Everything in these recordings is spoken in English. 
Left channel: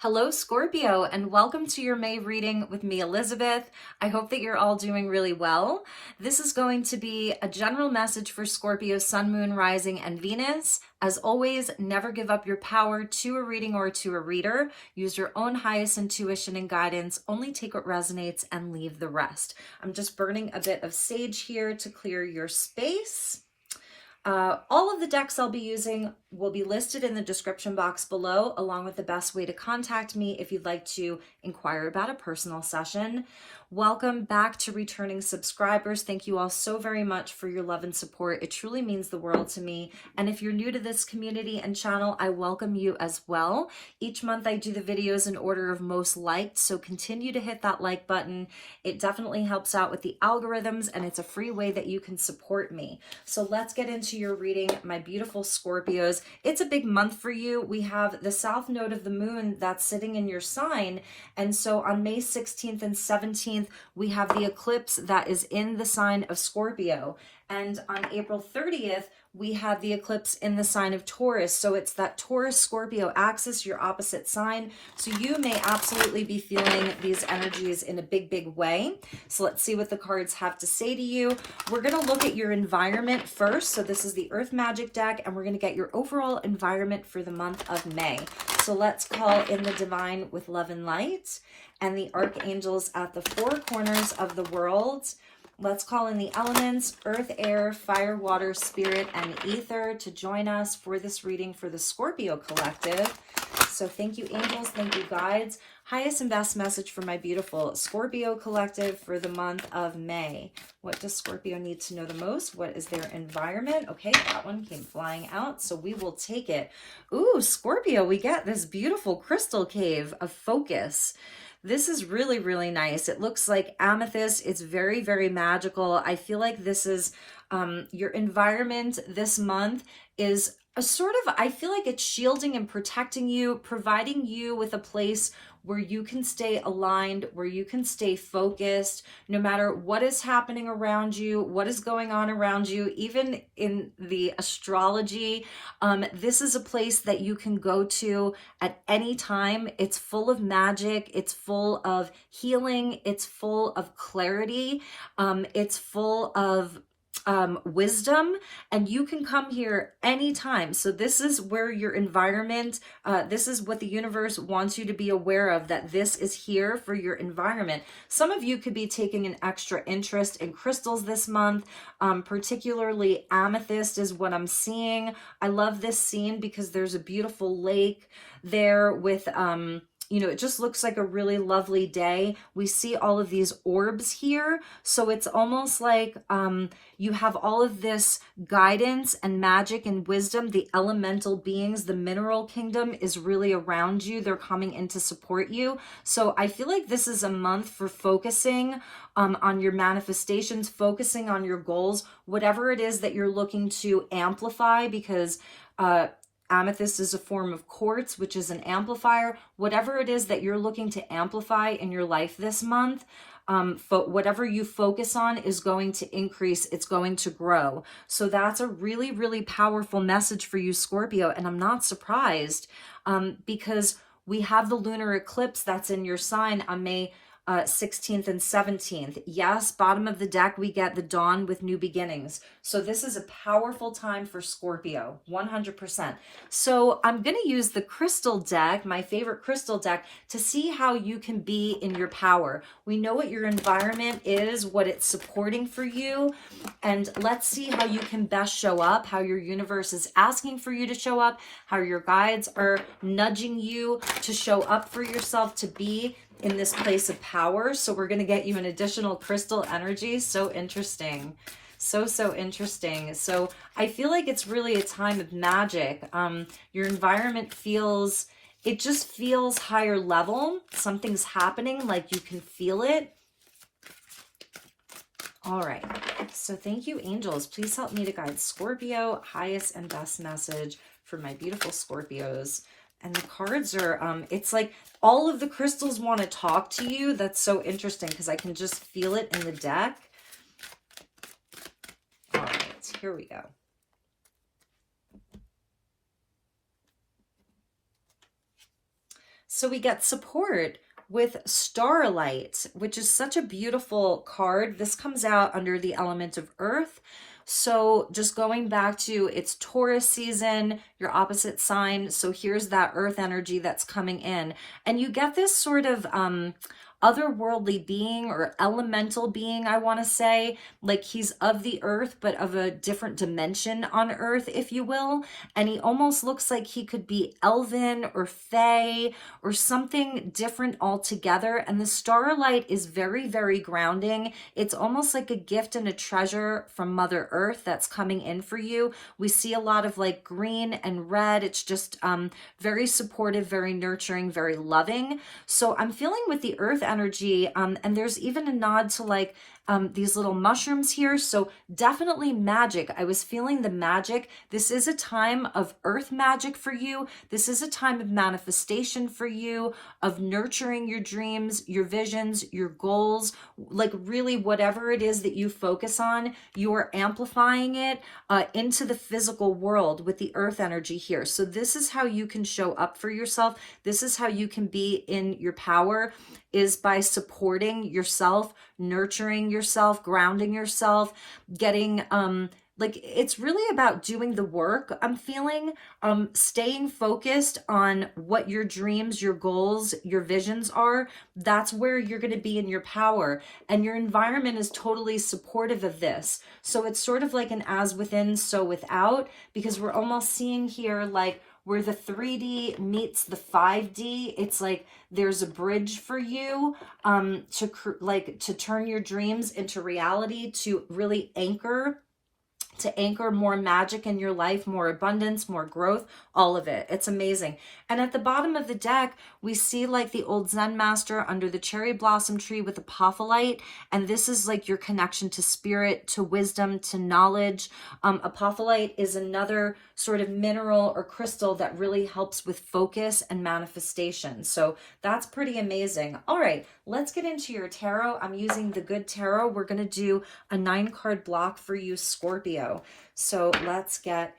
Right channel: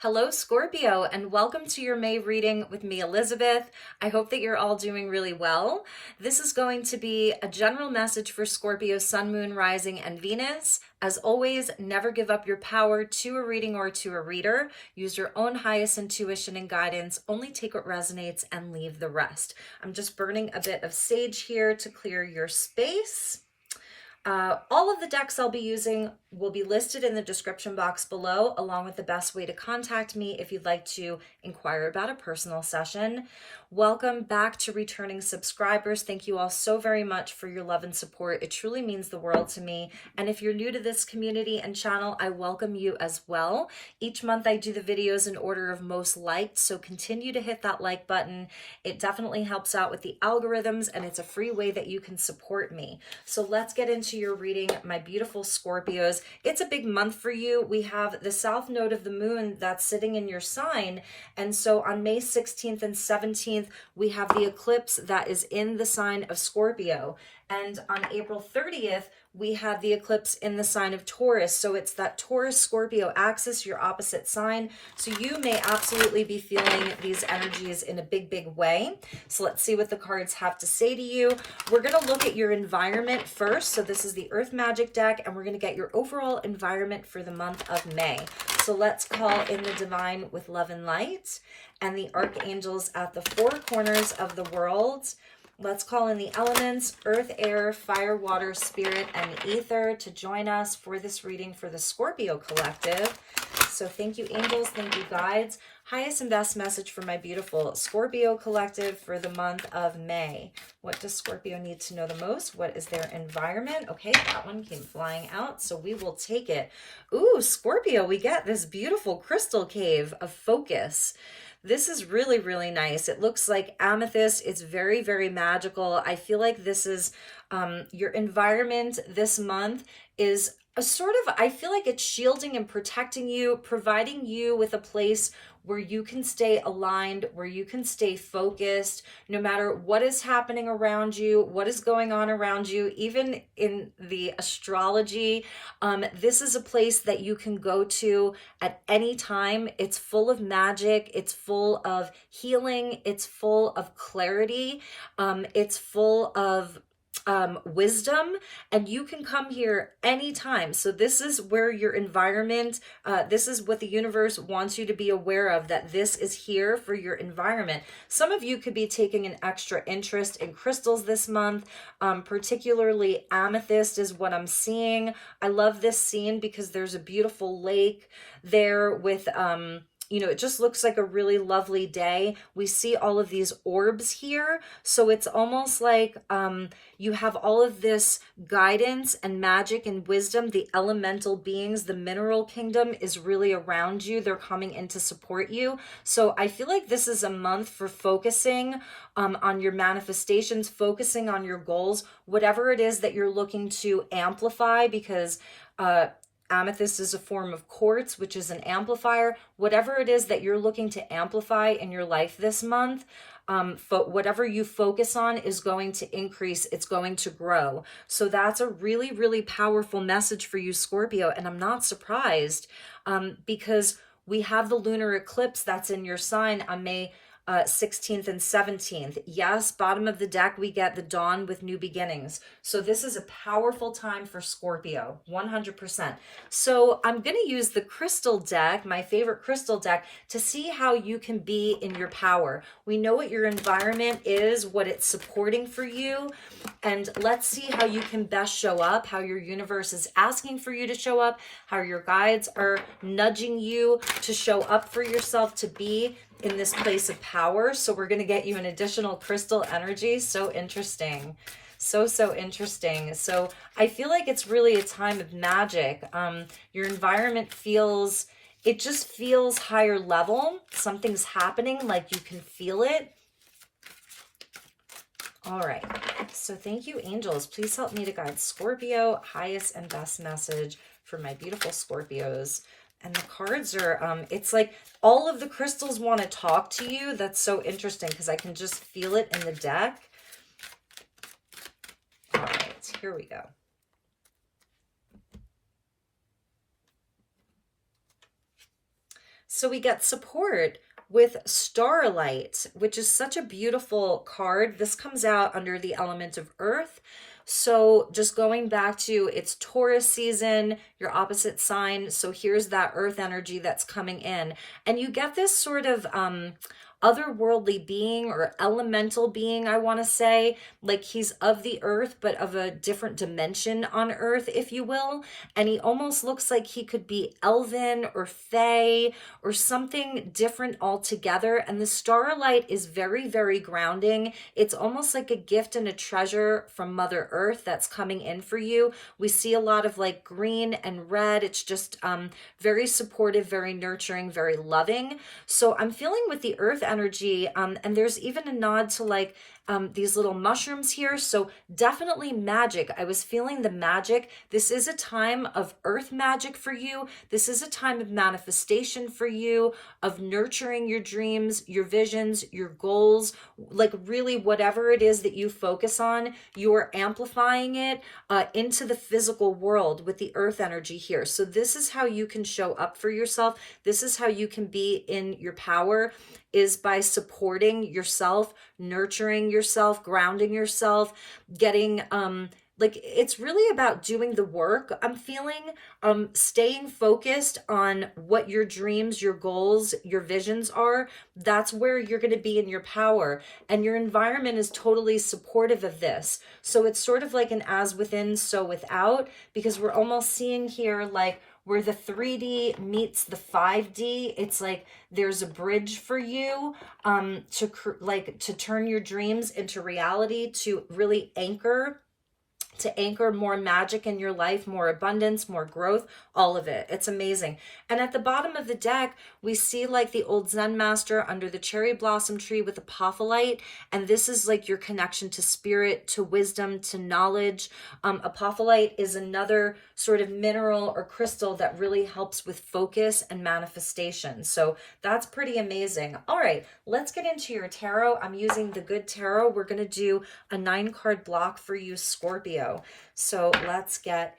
Hello, Scorpio, and welcome to your May reading with me, Elizabeth. I hope that you're all doing really well. This is going to be a general message for Scorpio, Sun, Moon, Rising, and Venus. As always, never give up your power to a reading or to a reader. Use your own highest intuition and guidance. Only take what resonates and leave the rest. I'm just burning a bit of sage here to clear your space. All of the decks I'll be using will be listed in the description box below, along with the best way to contact me if you'd like to inquire about a personal session. Welcome back to returning subscribers. Thank you all so very much for your love and support. It truly means the world to me. And if you're new to this community and channel, I welcome you as well. Each month I do the videos in order of most liked, so continue to hit that like button. It definitely helps out with the algorithms, and it's a free way that you can support me. So let's get into your reading, my beautiful Scorpios. It's a big month for you. We have the south node of the moon that's sitting in your sign, and so on May 16th and 17th, we have the eclipse that is in the sign of Scorpio. And on April 30th, we have the eclipse in the sign of Taurus. So it's that Taurus-Scorpio axis, your opposite sign. So you may absolutely be feeling these energies in a big, big way. So let's see what the cards have to say to you. We're going to look at your environment first. So this is the Earth Magic deck, and we're going to get your overall environment for the month of May. So let's call in the divine with love and light, and the archangels at the four corners of the world. Let's call in the elements, earth, air, fire, water, spirit, and ether to join us for this reading for the Scorpio collective. So thank you, angels. Thank you, guides. Highest and best message for my beautiful Scorpio collective for the month of May. What does Scorpio need to know the most? What is their environment? Okay, that one came flying out, so we will take it. Ooh, Scorpio, we get this beautiful crystal cave of focus. This is really, really nice. It looks like amethyst. It's very, very magical. I feel like this is your environment this month is a sort of, I feel like it's shielding and protecting you, providing you with a place where you can stay aligned, where you can stay focused, no matter what is happening around you, what is going on around you, even in the astrology. This is a place that you can go to at any time. It's full of magic. It's full of healing. It's full of clarity. It's full of wisdom, and you can come here anytime. So this is where your environment, this is what the universe wants you to be aware of, that this is here for your environment. Some of you could be taking an extra interest in crystals this month, particularly amethyst is what I'm seeing. I love this scene because there's a beautiful lake there with you know, it just looks like a really lovely day. We see all of these orbs here. So it's almost like you have all of this guidance and magic and wisdom. The elemental beings, the mineral kingdom is really around you. They're coming in to support you. So I feel like this is a month for focusing on your manifestations, focusing on your goals, whatever it is that you're looking to amplify, because amethyst is a form of quartz, which is an amplifier. Whatever it is that you're looking to amplify in your life this month, whatever you focus on is going to increase. It's going to grow. So that's a really, really powerful message for you, Scorpio. And I'm not surprised because we have the lunar eclipse that's in your sign on May 16th and 17th. Yes, bottom of the deck, we get the dawn with new beginnings. So this is a powerful time for Scorpio, 100%. So I'm going to use the crystal deck, my favorite crystal deck, to see how you can be in your power. We know what your environment is, what it's supporting for you, and let's see how you can best show up, how your universe is asking for you to show up, how your guides are nudging you to show up for yourself, to be in this place of power. So we're going to get you an additional crystal energy. So interesting. So interesting. So I feel like it's really a time of magic. Your environment feels, it just feels higher level. Something's happening, like you can feel it. All right. So thank you, angels. Please help me to guide Scorpio, highest and best message for my beautiful Scorpios. And the cards are, it's like all of the crystals want to talk to you. That's so interesting because I can just feel it in the deck. All right, here we go. So we get support with Starlight, which is such a beautiful card. This comes out under the element of Earth. So just going back to, it's Taurus season, your opposite sign. So here's that Earth energy that's coming in. And you get this sort of otherworldly being or elemental being, I want to say, like he's of the earth, but of a different dimension on Earth, if you will. And he almost looks like he could be elven or fae or something different altogether. And the Starlight is very, very grounding. It's almost like a gift and a treasure from Mother Earth that's coming in for you. We see a lot of like green and red. It's just very supportive, very nurturing, very loving. So I'm feeling with the Earth energy, and there's even a nod to like these little mushrooms here. So definitely magic. I was feeling the magic. This is a time of earth magic for you. This is a time of manifestation for you, of nurturing your dreams, your visions, your goals, like really whatever it is that you focus on, you're amplifying it into the physical world with the earth energy here. So this is how you can show up for yourself. This is how you can be in your power, is by supporting yourself, nurturing yourself, grounding yourself, getting like it's really about doing the work. I'm feeling staying focused on what your dreams, your goals, your visions are. That's where you're going to be in your power, and your environment is totally supportive of this. So it's sort of like an as within, so without, because we're almost seeing here like where the 3D meets the 5D. It's like there's a bridge for you to turn your dreams into reality, to really anchor more magic in your life, more abundance, more growth, all of it. It's amazing. And at the bottom of the deck, we see like the old Zen master under the cherry blossom tree with apophyllite. And this is like your connection to spirit, to wisdom, to knowledge. Apophyllite is another sort of mineral or crystal that really helps with focus and manifestation. So that's pretty amazing. All right, let's get into your tarot. I'm using the Good Tarot. We're going to do a 9-card block for you, Scorpio. So let's get,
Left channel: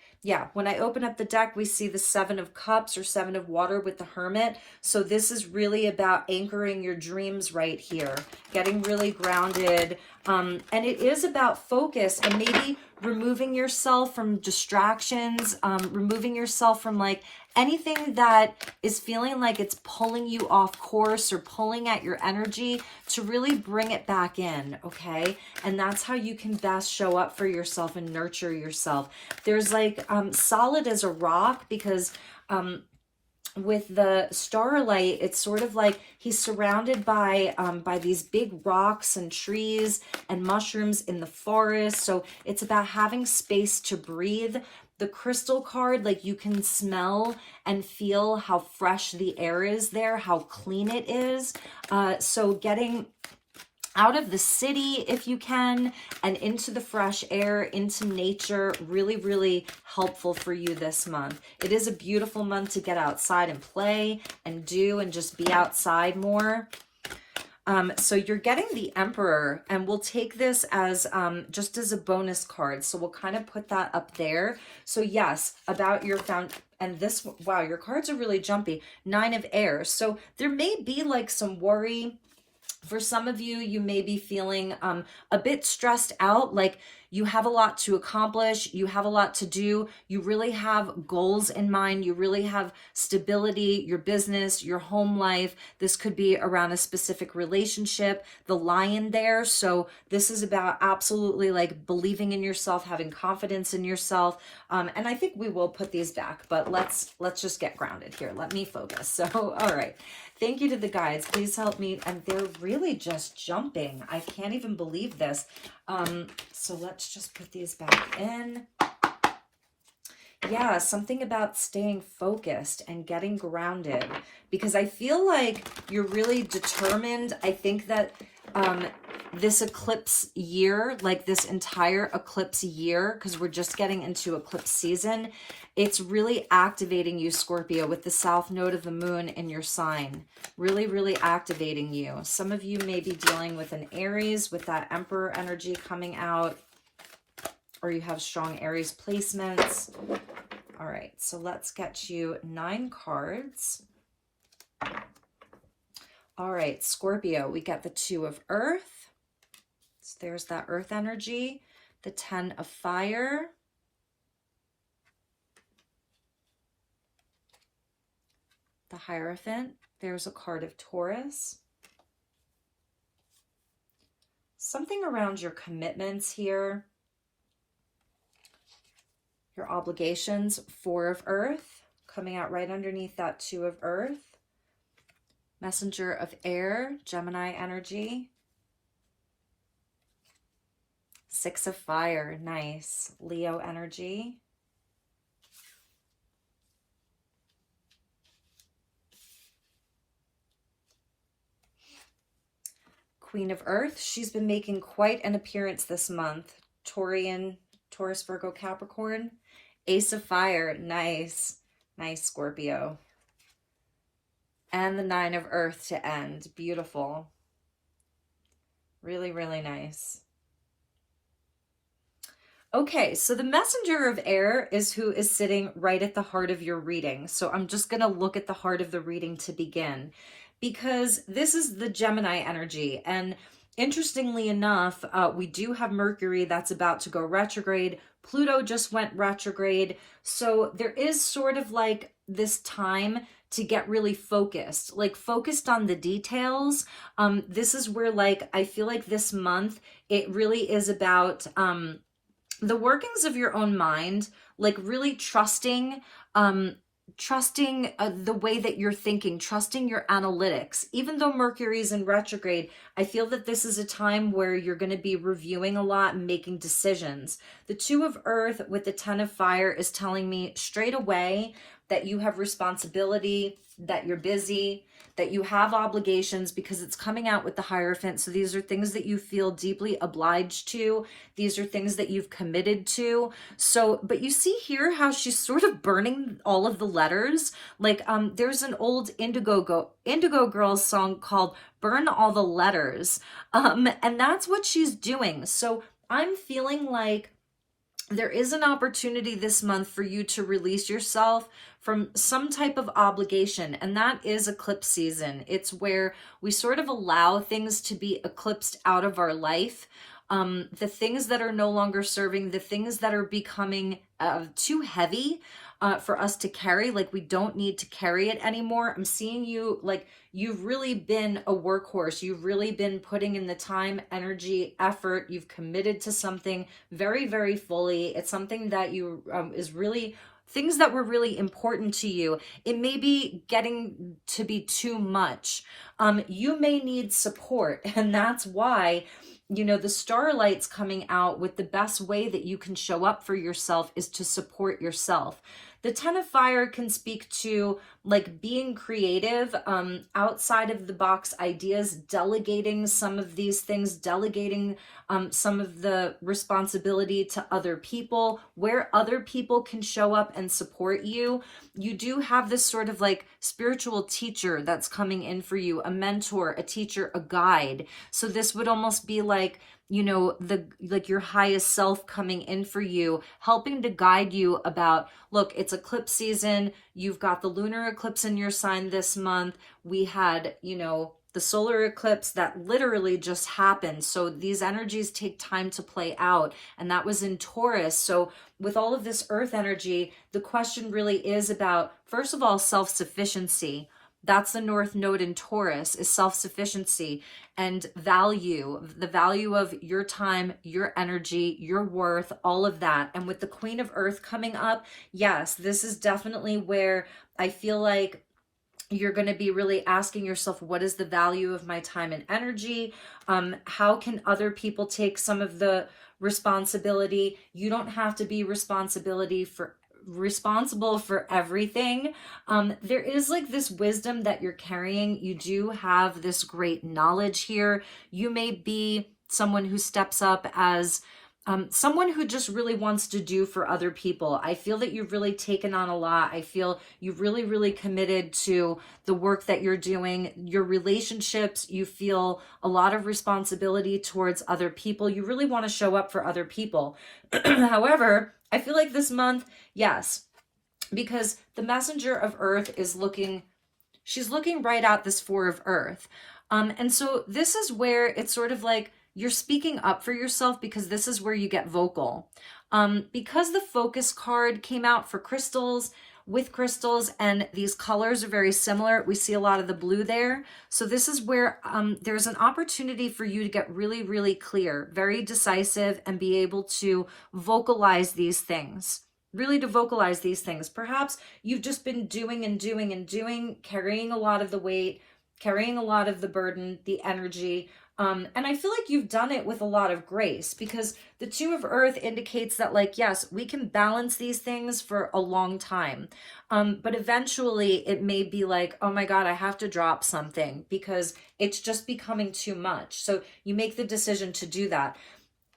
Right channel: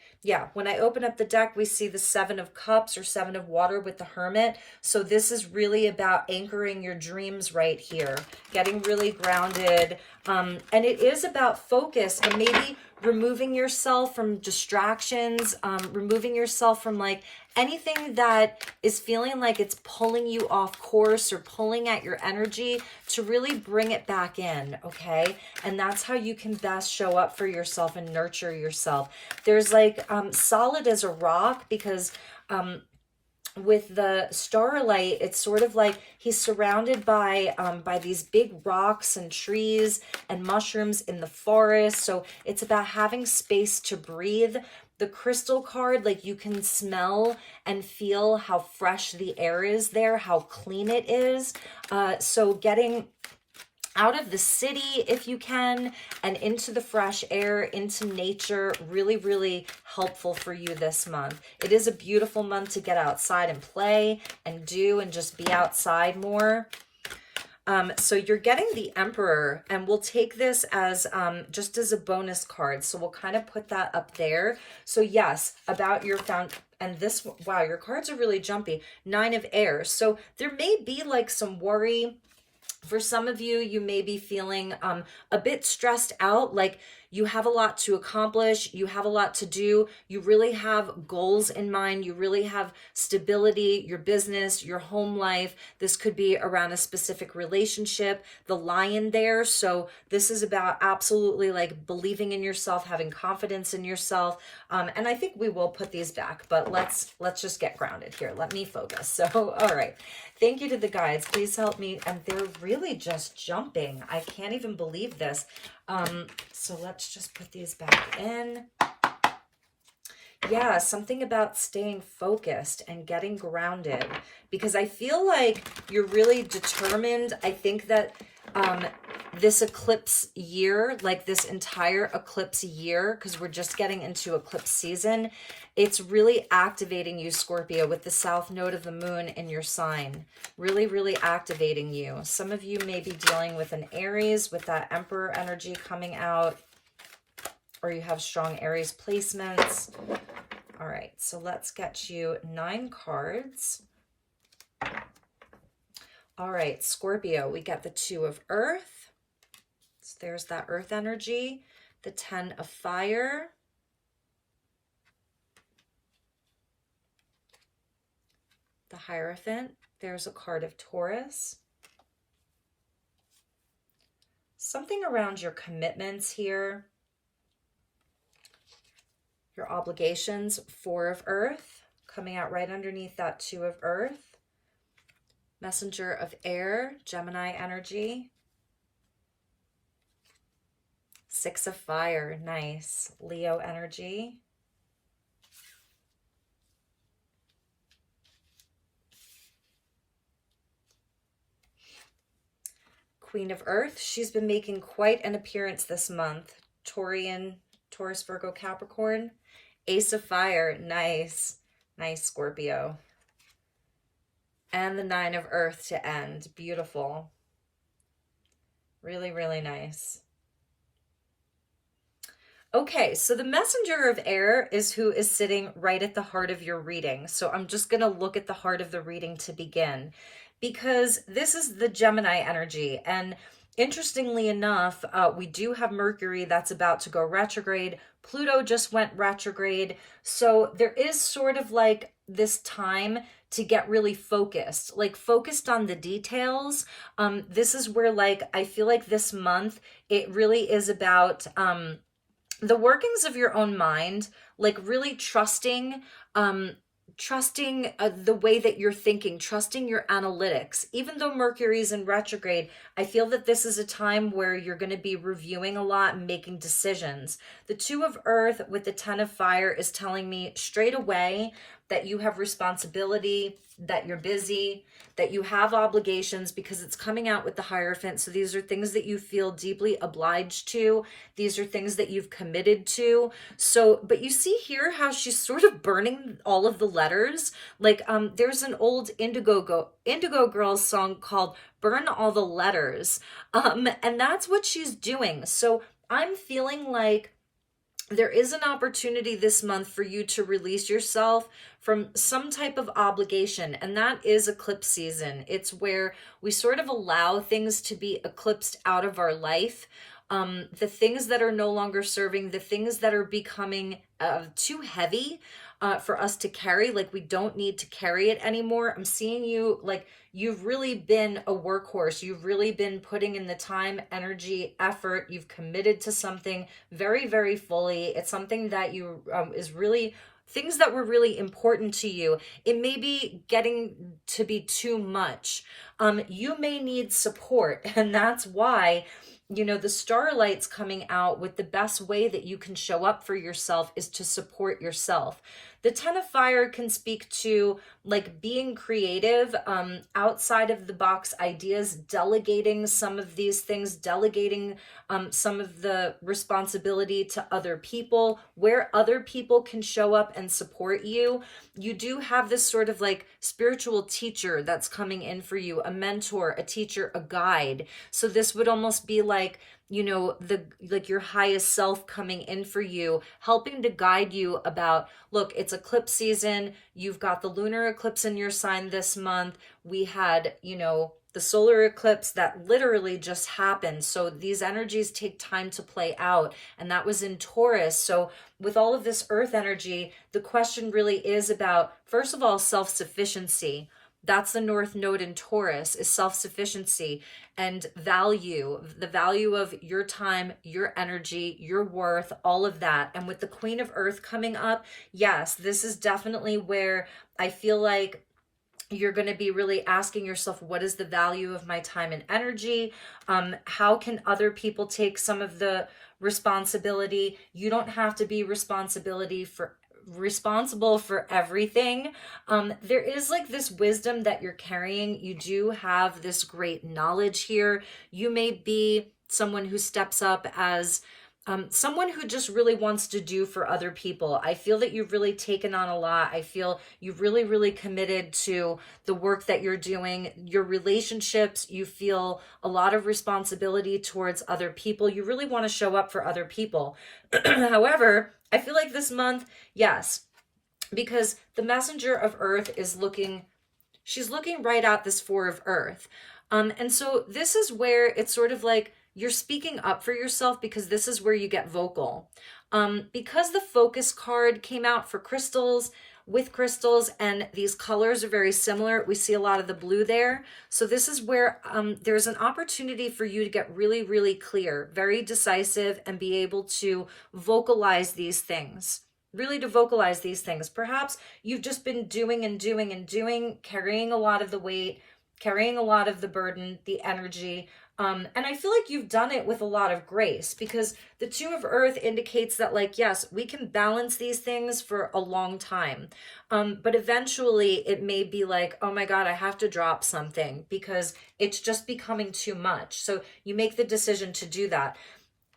when I open up the deck, we see the 7 of Cups or 7 of Water with the Hermit. So this is really about anchoring your dreams right here, getting really grounded. And it is about focus and maybe removing yourself from distractions, removing yourself from like anything that is feeling like it's pulling you off course or pulling at your energy, to really bring it back in, okay? And that's how you can best show up for yourself and nurture yourself. There's like solid as a rock, because with the Starlight, it's sort of like he's surrounded by these big rocks and trees and mushrooms in the forest. So it's about having space to breathe. The crystal card, like you can smell and feel how fresh the air is there, how clean it is. So getting out of the city if you can, and into the fresh air, into nature, really, really helpful for you this month. It is a beautiful month to get outside and play and do and just be outside more. So you're getting the Emperor, and we'll take this as just as a bonus card. So we'll kind of put that up there. So yes, about your and this, wow, your cards are really jumpy. 9 of Air. So there may be like some worry. For some of you, you may be feeling a bit stressed out, like you have a lot to accomplish, you have a lot to do, you really have goals in mind, you really have stability, your business, your home life. This could be around a specific relationship, the Lion there. So this is about absolutely like believing in yourself, having confidence in yourself. And I think we will put these back, but let's just get grounded here. Let me focus. So, all right. Thank you to the guides. Please help me. And they're really just jumping. I can't even believe this. So let's just put these back in. Yeah, something about staying focused and getting grounded, because I feel like you're really determined. I think that this eclipse year, like this entire eclipse year, because we're just getting into eclipse season, it's really activating you, Scorpio, with the south node of the moon in your sign. Really, really activating you. Some of you may be dealing with an Aries with that Emperor energy coming out, or you have strong Aries placements. All right, so let's get you 9 cards All right, Scorpio, we got the 2 of Earth. So there's that Earth energy. The 10 of Fire. The Hierophant. There's a card of Taurus. Something around your commitments here. Your obligations. 4 of Earth. Coming out right underneath that 2 of Earth. Messenger of Air, Gemini energy. 6 of Fire, nice. Leo energy. Queen of Earth, she's been making quite an appearance this month. Taurian, Taurus, Virgo, Capricorn. Ace of Fire, nice. Nice, Scorpio. And the 9 of Earth to end. Beautiful. Really, really nice. Okay, so the Messenger of Air is who is sitting right at the heart of your reading. So I'm just going to look at the heart of the reading to begin, because this is the Gemini energy. And interestingly enough, we do have Mercury that's about to go retrograde. Pluto just went retrograde. So there is sort of like this time to get really focused, like focused on the details. This is where, like, I feel like this month, it really is about the workings of your own mind, like really trusting the way that you're thinking, trusting your analytics. Even though Mercury is in retrograde, I feel that this is a time where you're going to be reviewing a lot and making decisions. The 2 of Earth with the 10 of Fire is telling me straight away that you have responsibility, that you're busy, that you have obligations, because it's coming out with the Hierophant. So these are things that you feel deeply obliged to. These are things that you've committed to. So, but you see here how she's sort of burning all of the letters. Like there's an old Indigo Girls song called Burn All the Letters. And that's what she's doing. So I'm feeling like there is an opportunity this month for you to release yourself from some type of obligation, and that is eclipse season. It's where we sort of allow things to be eclipsed out of our life. The things that are no longer serving, the things that are becoming too heavy for us to carry, like we don't need to carry it anymore. I'm seeing you like you've really been a workhorse. You've really been putting in the time, energy, effort. You've committed to something very, very fully. It's something that you is really things that were really important to you. It may be getting to be too much. You may need support, and that's why, you know, the Starlight's coming out with the best way that you can show up for yourself is to support yourself. The 10 of Fire can speak to like being creative, outside of the box ideas, delegating some of these things, delegating some of the responsibility to other people, where other people can show up and support you. You do have this sort of like spiritual teacher that's coming in for you, a mentor, a teacher, a guide. So this would almost be like, you know, like your highest self coming in for you, helping to guide you about, look, it's eclipse season. You've got the lunar eclipse in your sign this month. We had, you know, the solar eclipse that literally just happened. So these energies take time to play out. And that was in Taurus. So with all of this earth energy, the question really is about, first of all, self-sufficiency. That's the North Node in Taurus, is self-sufficiency and value, the value of your time, your energy, your worth, all of that. And with the Queen of Earth coming up, yes, this is definitely where I feel like you're going to be really asking yourself, what is the value of my time and energy? How can other people take some of the responsibility? You don't have to be responsible for everything. There is like this wisdom that you're carrying. You do have this great knowledge here. You may be someone who steps up as someone who just really wants to do for other people. I feel that you've really taken on a lot. I feel you've really, really committed to the work that you're doing, your relationships. You feel a lot of responsibility towards other people. You really want to show up for other people. However, I feel like this month, yes, because the Messenger of Earth is looking, she's looking right at this Four of Earth. And so this is where it's sort of like you're speaking up for yourself, because this is where you get vocal. Because the Focus card came out for crystals, with crystals, and these colors are very similar, we see a lot of the blue there. So this is where there's an opportunity for you to get really, really clear, very decisive, and be able to vocalize these things. Really to vocalize these things. Perhaps you've just been doing and doing and doing, carrying a lot of the weight, carrying a lot of the burden, the energy. And I feel like you've done it with a lot of grace, because the Two of Earth indicates that, like, yes, we can balance these things for a long time. But eventually it may be like, oh my God, I have to drop something because it's just becoming too much. So you make the decision to do that.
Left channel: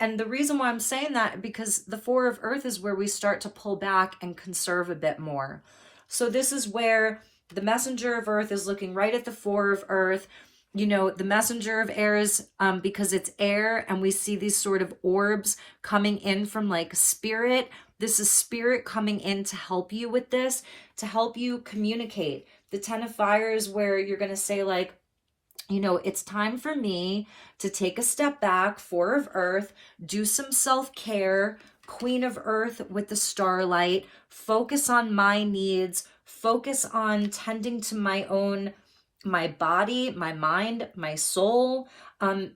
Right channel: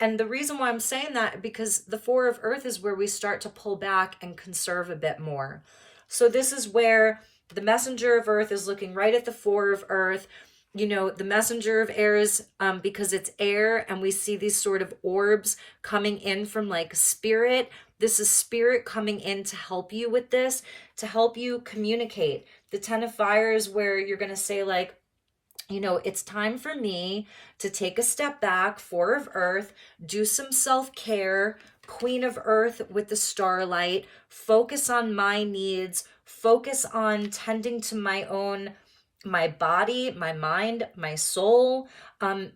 And the reason why I'm saying that, because the Four of Earth is where we start to pull back and conserve a bit more. So this is where the Messenger of Earth is looking right at the Four of Earth. You know, the Messenger of Air is, because it's air, and we see these sort of orbs coming in from like spirit. This is spirit coming in to help you with this, to help you communicate. The Ten of Fire is where you're going to say, like, you know, it's time for me to take a step back. Four of Earth, do some self-care. Queen of Earth with the Starlight, focus on my needs, focus on tending to my body, my mind, my soul.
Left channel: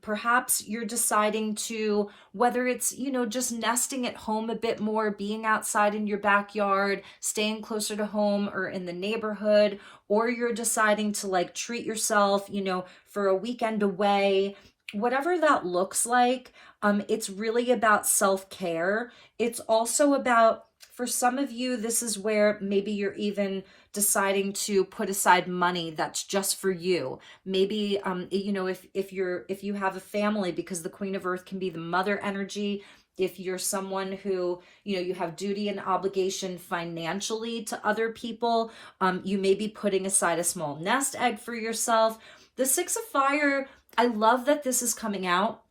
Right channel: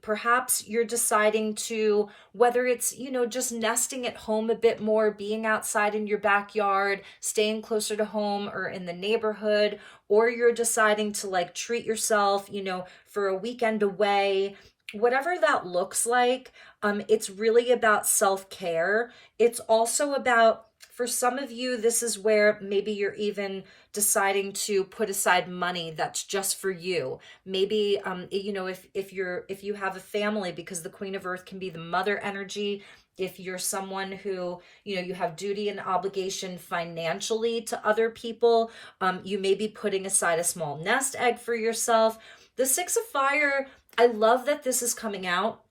Perhaps you're deciding to, whether it's, you know, just nesting at home a bit more, being outside in your backyard, staying closer to home or in the neighborhood, or you're deciding to like treat yourself, you know, for a weekend away, whatever that looks like. It's really about self-care. It's also about, for some of you, this is where maybe you're even deciding to put aside money that's just for you. Maybe, you know, if you have a family, because the Queen of Earth can be the mother energy. If you're someone who, you know, you have duty and obligation financially to other people, you may be putting aside a small nest egg for yourself. The Six of Fire, I love that this is coming out,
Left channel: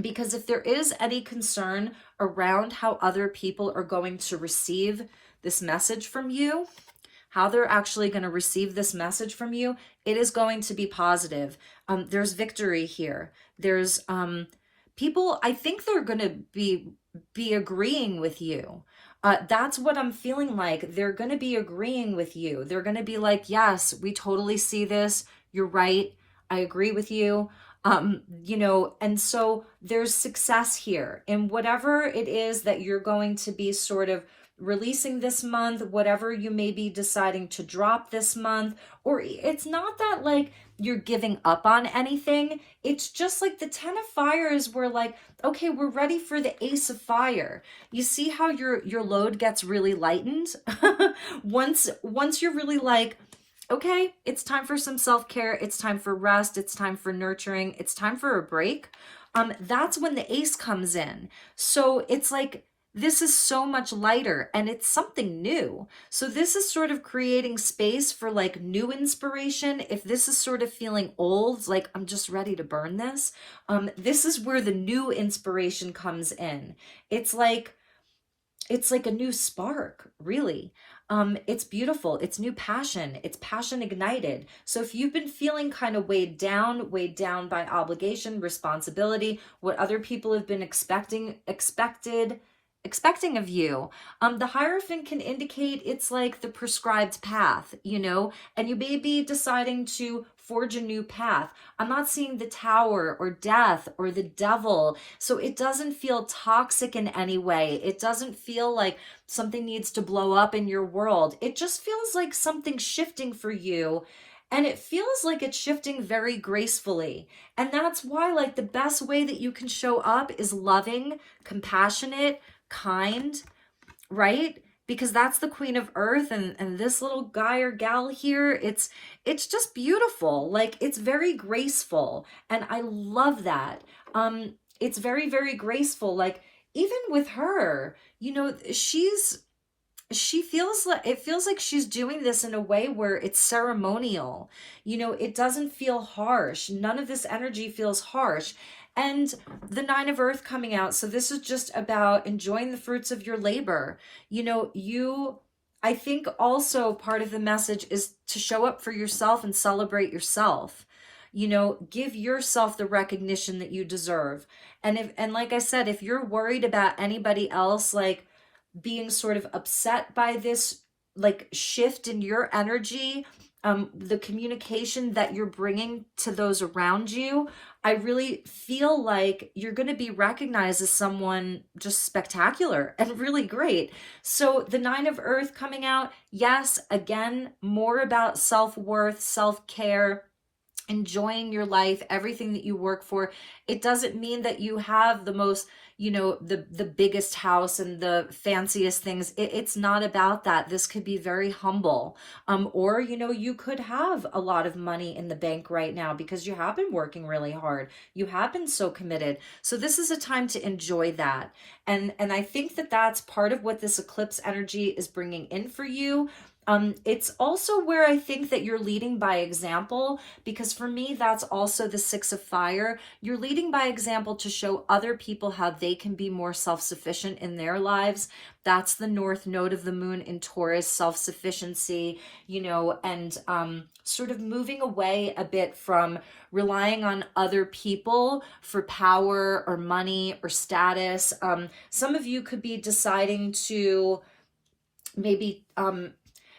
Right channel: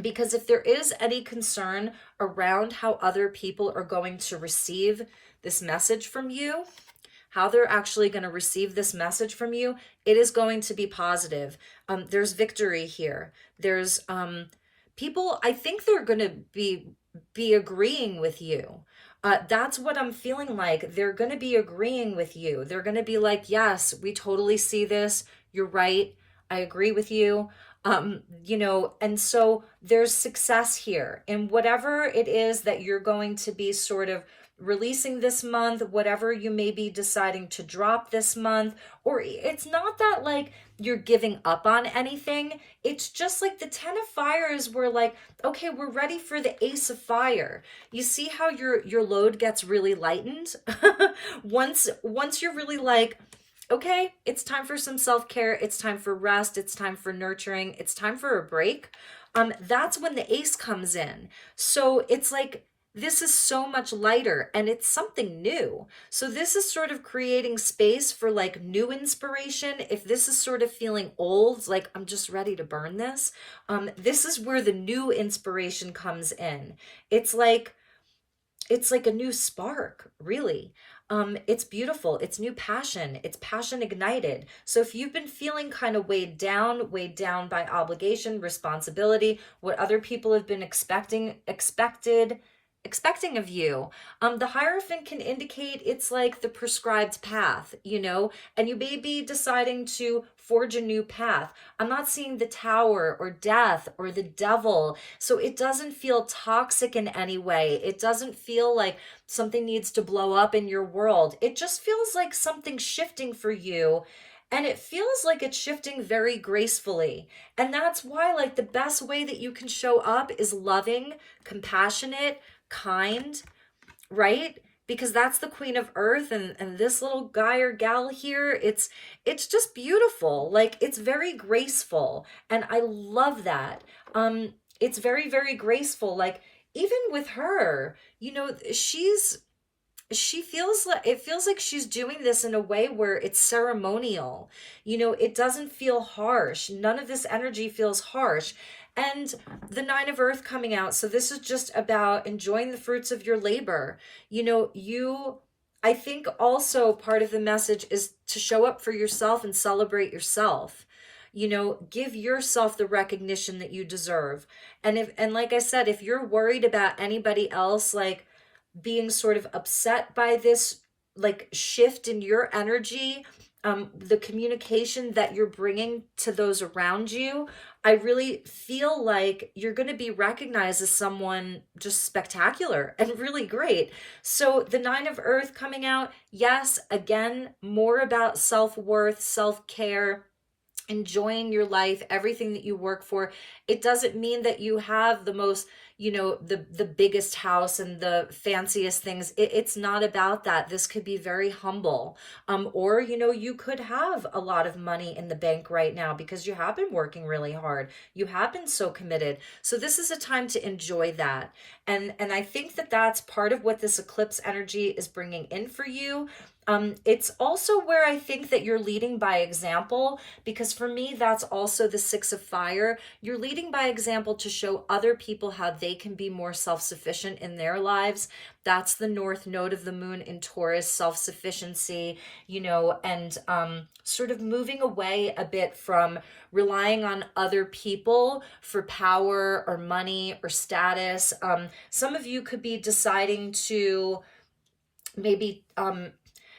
because if there is any concern around how other people are going to receive this message from you, how they're actually going to receive this message from you, it is going to be positive. There's victory here. There's people, I think they're going to be agreeing with you. That's what I'm feeling like. They're going to be agreeing with you. They're going to be like, yes, we totally see this. You're right. I agree with you. You know, and so there's success here in whatever it is that you're going to be sort of releasing this month, whatever you may be deciding to drop this month. Or it's not that like you're giving up on anything. It's just like the Ten of Fires were like, okay, we're ready for the Ace of Fire. You see how your load gets really lightened? Once you're really like, okay, it's time for some self-care, it's time for rest, it's time for nurturing, it's time for a break. That's when the Ace comes in. So it's like, this is so much lighter, and it's something new. So this is sort of creating space for like new inspiration. If this is sort of feeling old, like I'm just ready to burn this, this is where the new inspiration comes in. It's like a new spark, really. It's beautiful. It's new passion. It's passion ignited. So if you've been feeling kind of weighed down by obligation, responsibility, what other people have been expecting of you, the Hierophant can indicate it's like the prescribed path, you know, and you may be deciding to forge a new path. I'm not seeing the Tower or death or the devil. So it doesn't feel toxic in any way. It doesn't feel like something needs to blow up in your world. It just feels like something's shifting for you. And it feels like it's shifting very gracefully. And that's why, like, the best way that you can show up is loving, compassionate, kind, right? Because that's the Queen of Earth, and this little guy or gal here, it's just beautiful. Like, it's very graceful, and I love that. It's very, very graceful. Like, even with her, you know, she feels like, it feels like she's doing this in a way where it's ceremonial. You know, it doesn't feel harsh. None of this energy feels harsh. And the Nine of Earth coming out. So this is just about enjoying the fruits of your labor. You know, I think also part of the message is to show up for yourself and celebrate yourself. You know, give yourself the recognition that you deserve. And like I said, if you're worried about anybody else, like being sort of upset by this like shift in your energy, the communication that you're bringing to those around you, I really feel like you're going to be recognized as someone just spectacular and really great. So the Nine of Earth coming out, yes, again, more about self-worth, self-care, enjoying your life, everything that you work for. It doesn't mean that you have the most, you know, the biggest house and the fanciest things. It's not about that. This could be very humble. Or, you know, you could have a lot of money in the bank right now because you have been working really hard. You have been so committed. So this is a time to enjoy that. And I think that that's part of what this eclipse energy is bringing in for you. It's also where I think that you're leading by example, because for me, that's also the Six of Fire. You're leading by example to show other people how they can be more self-sufficient in their lives. That's the North Node of the Moon in Taurus, self-sufficiency, you know, and sort of moving away a bit from relying on other people for power or money or status. Some of you could be deciding to maybe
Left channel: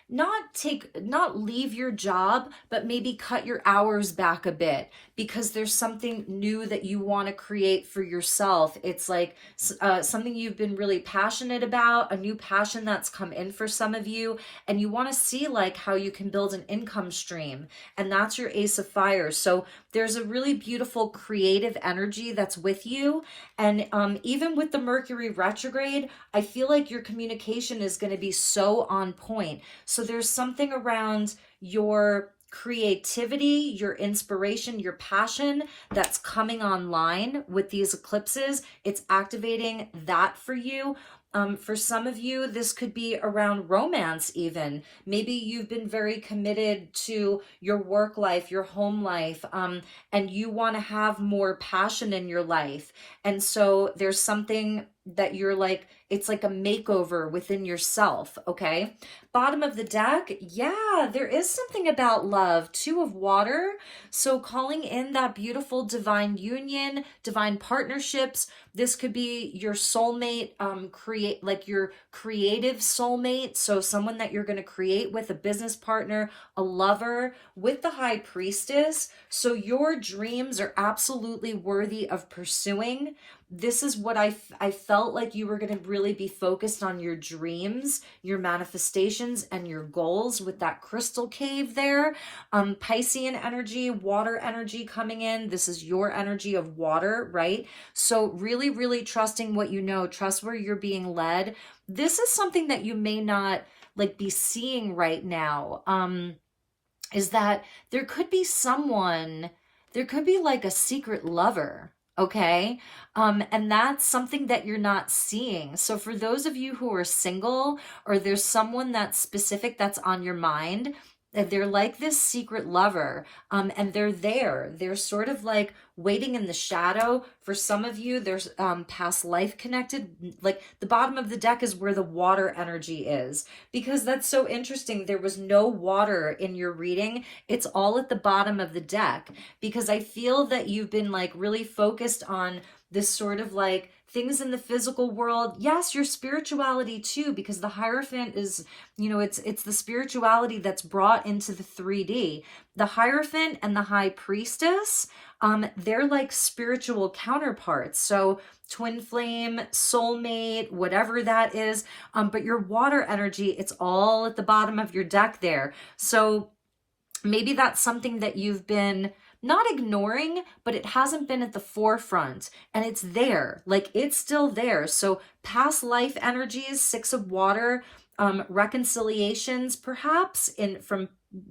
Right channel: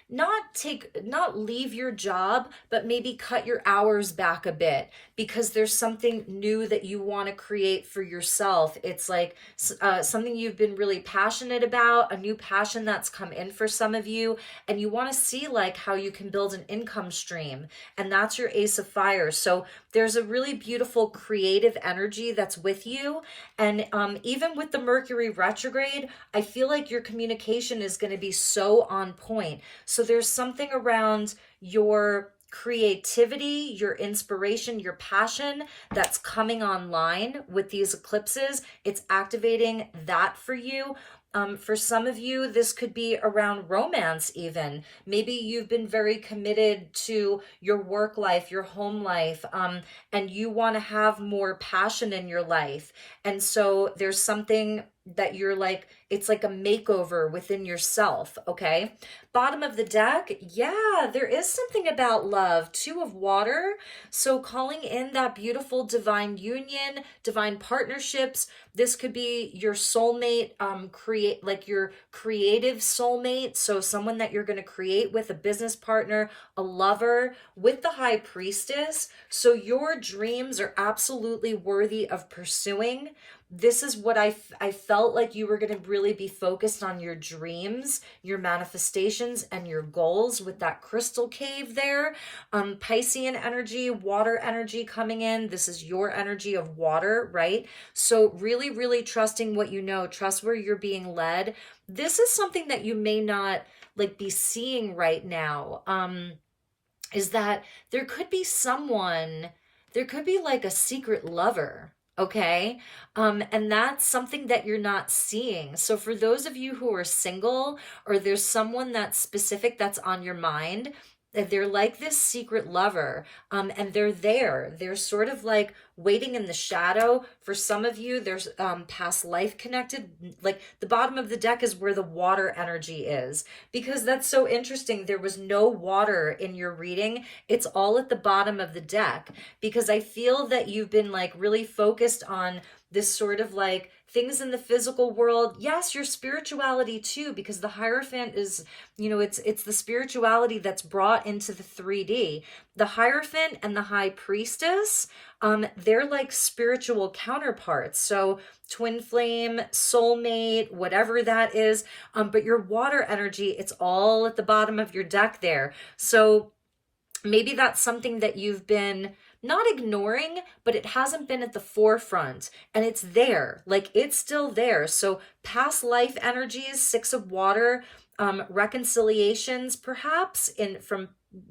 not leave your job, but maybe cut your hours back a bit because there's something new that you want to create for yourself. It's like something you've been really passionate about, a new passion that's come in for some of you, and you want to see like how you can build an income stream, and that's your Ace of Fire. So there's a really beautiful creative energy that's with you. And even with the Mercury retrograde, I feel like your communication is going to be so on point. So there's something around your creativity, your inspiration, your passion that's coming online with these eclipses. It's activating that for you. For some of you, this could be around romance even. Maybe you've been very committed to your work life, your home life, and you want to have more passion in your life. And so there's something that you're like, it's like a makeover within yourself, okay? Bottom of the deck, yeah, there is something about love. Two of Water, so calling in that beautiful divine union, divine partnerships. This could be your soulmate, like your creative soulmate, so someone that you're going to create with, a business partner, a lover, with the High Priestess. So your dreams are absolutely worthy of pursuing. This is what I felt like you were going to really be focused on, your dreams, your manifestations, and your goals with that crystal cave there. Piscean energy, water energy coming in. This is your energy of water, right? So really, really trusting what you know. Trust where you're being led. This is something that you may not like be seeing right now. Is that there could be someone, there could be like a secret lover. Okay. And that's something that you're not seeing. So for those of you who are single, or there's someone that's specific that's on your mind, that they're like this secret lover, and they're there. They're sort of like waiting in the shadow. For some of you, there's past life connected. Like the bottom of the deck is where the water energy is, because that's so interesting. There was no water in your reading. It's all at the bottom of the deck, because I feel that you've been like really focused on this sort of like things in the physical world. Yes, your spirituality too, because the Hierophant is, you know, it's the spirituality that's brought into the 3D. The Hierophant and the High Priestess, they're like spiritual counterparts. So twin flame, soulmate, whatever that is. But your water energy, it's all at the bottom of your deck there. So maybe that's something that you've been not ignoring, but it hasn't been at the forefront, and it's there, like it's still there. So past life energies, Six of Water, reconciliations perhaps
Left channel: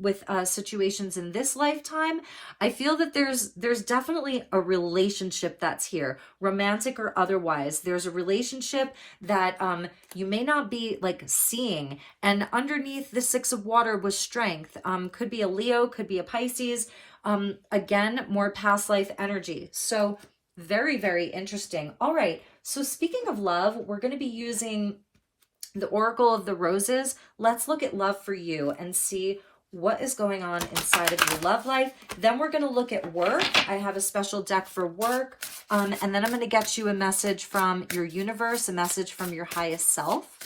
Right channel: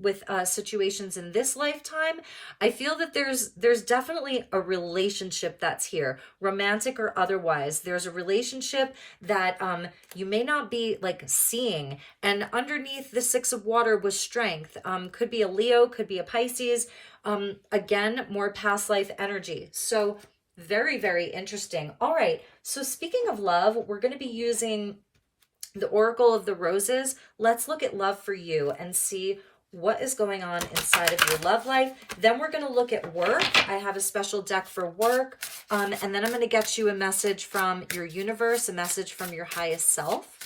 with situations in this lifetime. I feel that there's definitely a relationship that's here, romantic or otherwise. There's a relationship that you may not be like seeing, and underneath the Six of Water was strength. Could be a Leo, could be a Pisces. Again, more past life energy. So very, very interesting. All right. So speaking of love, we're going to be using the Oracle of the Roses. Let's look at love for you and see what is going on inside of your love life. Then we're going to look at work. I have a special deck for work. And then I'm going to get you a message from your universe, a message from your highest self.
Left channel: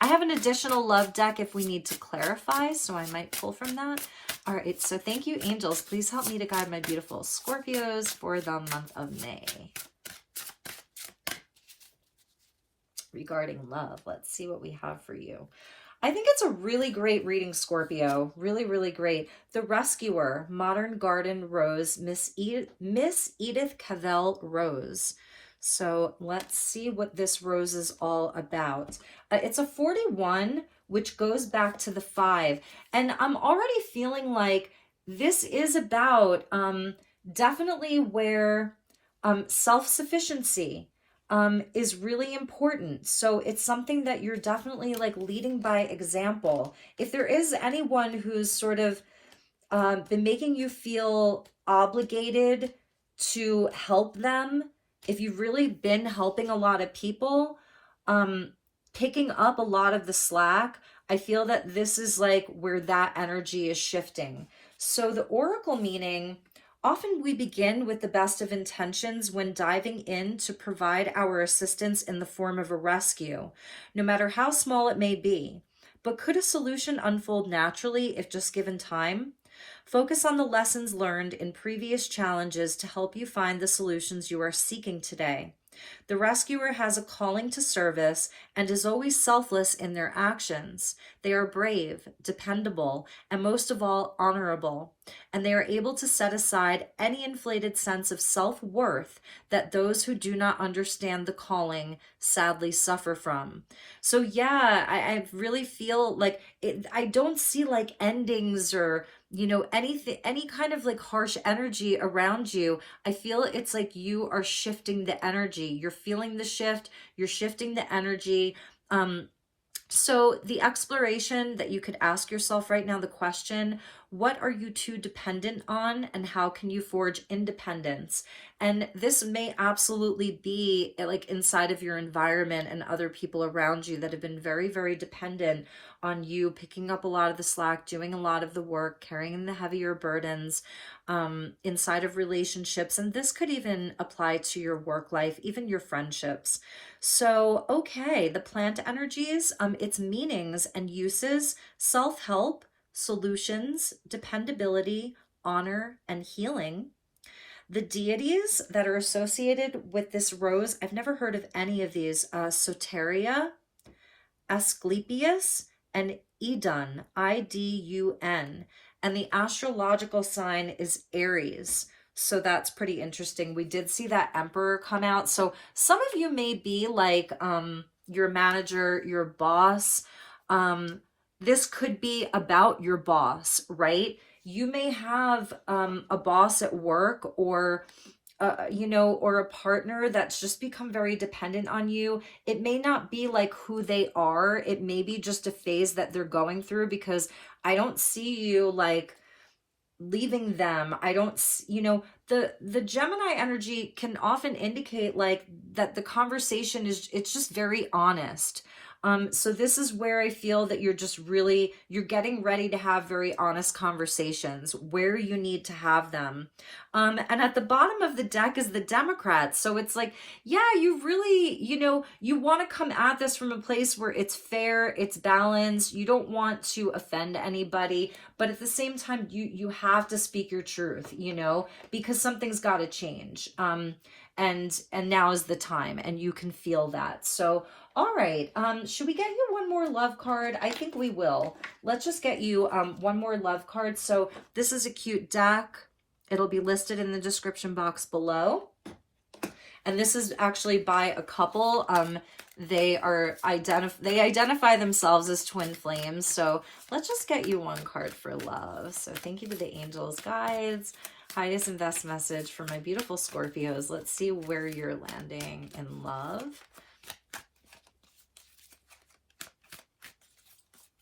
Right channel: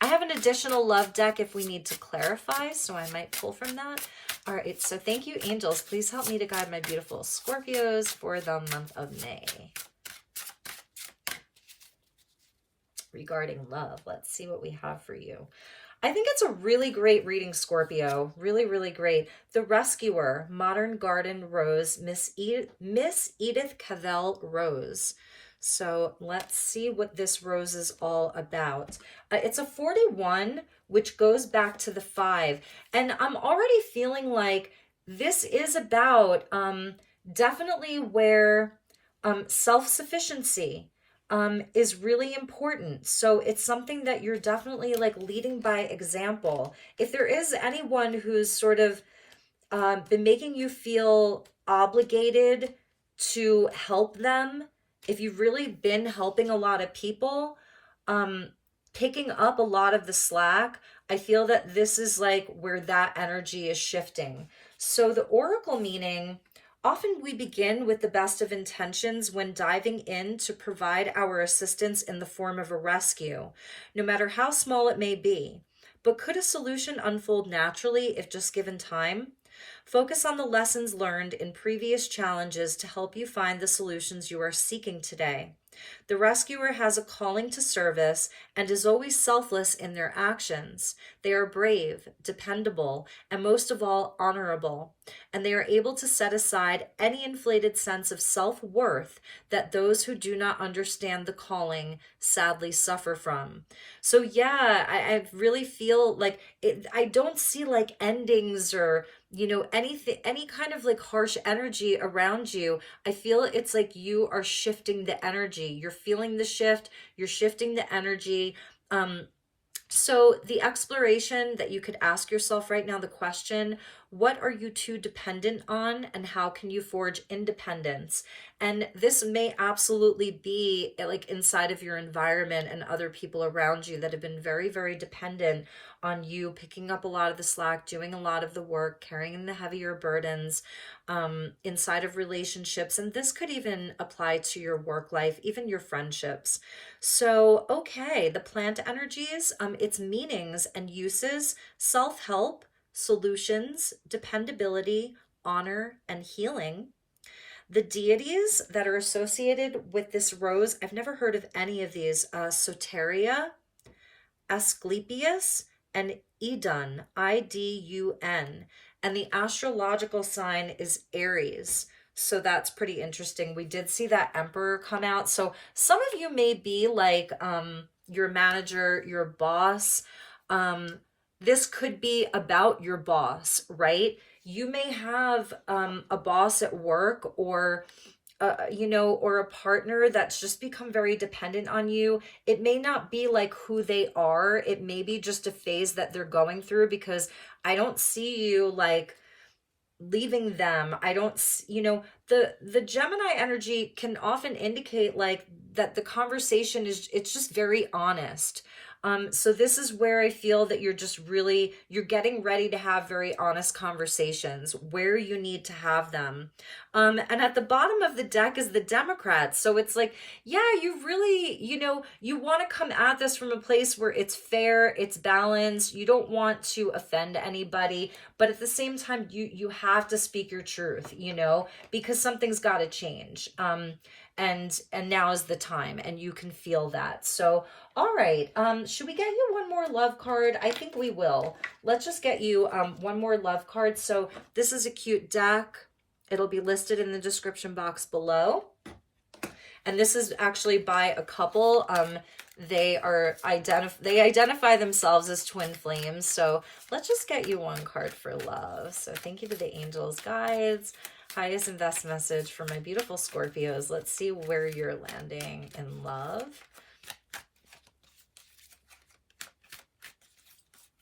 I have an additional love deck if we need to clarify, so I might pull from that. All right, so thank you, angels. Please help me to guide my beautiful Scorpios for the month of May. Regarding love, let's see what we have for you. I think it's a really great reading, Scorpio. Really, really great. The Rescuer, Modern Garden Rose, Miss Edith Cavell Rose. So let's see what this rose is all about. It's a 41, which goes back to the 5. And I'm already feeling like this is about definitely where self-sufficiency is really important. So it's something that you're definitely like leading by example. If there is anyone who's sort of been making you feel obligated to help them, if you've really been helping a lot of people, picking up a lot of the slack, I feel that this is like where that energy is shifting. So the oracle meaning, often we begin with the best of intentions when diving in to provide our assistance in the form of a rescue, no matter how small it may be. But could a solution unfold naturally if just given time? Focus on the lessons learned in previous challenges to help you find the solutions you are seeking today. The rescuer has a calling to service and is always selfless in their actions. They are brave, dependable, and most of all, honorable. And they are able to set aside any inflated sense of self-worth that those who do not understand the calling sadly suffer from. So yeah, I really feel like I don't see like endings or, you know, anything, any kind of like harsh energy around you. I feel it's like you are shifting the energy. You're feeling the shift. You're shifting the energy. So the exploration that you could ask yourself right now, the question, what are you too dependent on and how can you forge independence? And this may absolutely be like inside of your environment and other people around you that have been very, very dependent on you picking up a lot of the slack, doing a lot of the work, carrying the heavier burdens inside of relationships. And this could even apply to your work life, even your friendships. So, okay, the plant energies, its meanings and uses, self-help, solutions, dependability, honor, and healing. The deities that are associated with this rose, I've never heard of any of these, Soteria, Asclepius, and Idun, I-D-U-N. And the astrological sign is Aries. So that's pretty interesting. We did see that Emperor come out. So some of you may be like your manager, your boss. This could be about your boss, right? You may have a boss at work or you know, or a partner that's just become very dependent on you. It may not be like who they are. It may be just a phase that they're going through, because I don't see you like leaving them. I don't, you know, the Gemini energy can often indicate like that the conversation is, it's just very honest. So this is where I feel that you're just really, you're getting ready to have very honest conversations where you need to have them. And at the bottom of the deck is the Democrats. So it's like, yeah, you really, you know, you want to come at this from a place where it's fair, it's balanced. You don't want to offend anybody, but at the same time, you have to speak your truth, you know, because something's got to change. And now is the time, and you can feel that. So, all right, should we get you one more love card? I think we will. Let's just get you one more love card. So this is a cute deck. It'll be listed in the description box below. And this is actually by a couple. They identify themselves as twin flames. So let's just get you one card for love. So thank you to the angels, guides, highest and best message for my beautiful Scorpios. Let's see where you're landing in love.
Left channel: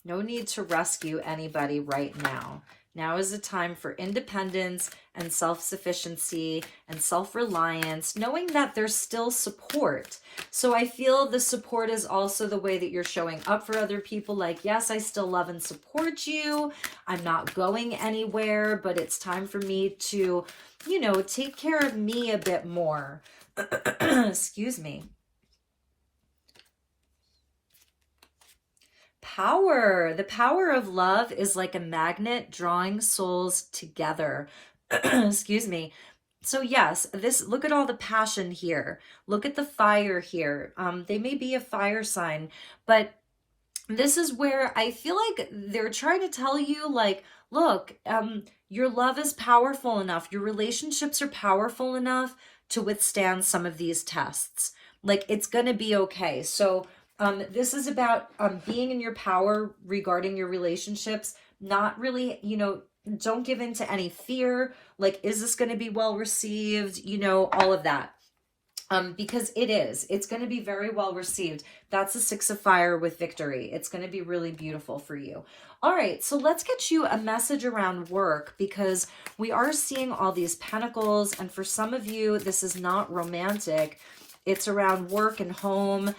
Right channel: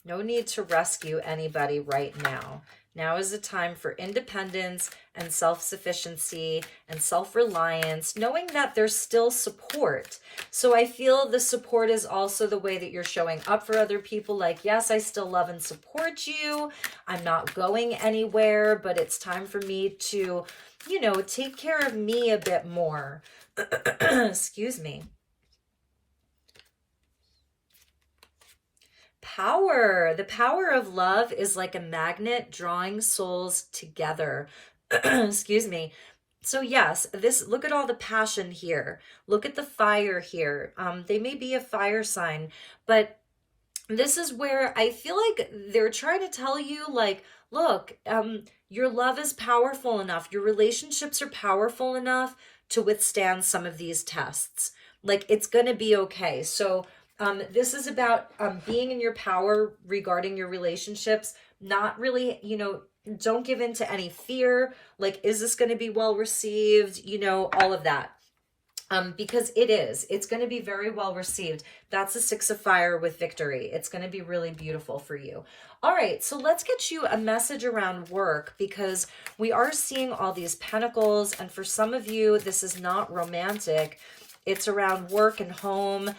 No need to rescue anybody right now. Now is the time for independence and self-sufficiency and self-reliance, knowing that there's still support. So I feel the support is also the way that you're showing up for other people. Like, yes, I still love and support you. I'm not going anywhere, but it's time for me to, you know, take care of me a bit more. Excuse me. Power. The power of love is like a magnet drawing souls together. Excuse me. So yes, look at all the passion here. Look at the fire here. They may be a fire sign, but this is where I feel like they're trying to tell you, like, look, your love is powerful enough. Your relationships are powerful enough to withstand some of these tests. Like, it's going to be okay. So this is about being in your power regarding your relationships, not really, you know, don't give in to any fear. Like, is this going to be well received? You know, all of that. Because it's going to be very well received. That's a 6 of fire with victory. It's going to be really beautiful for you. All right, so let's get you a message around work, because we are seeing all these pentacles, and for some of you, this is not romantic. It's around work and home.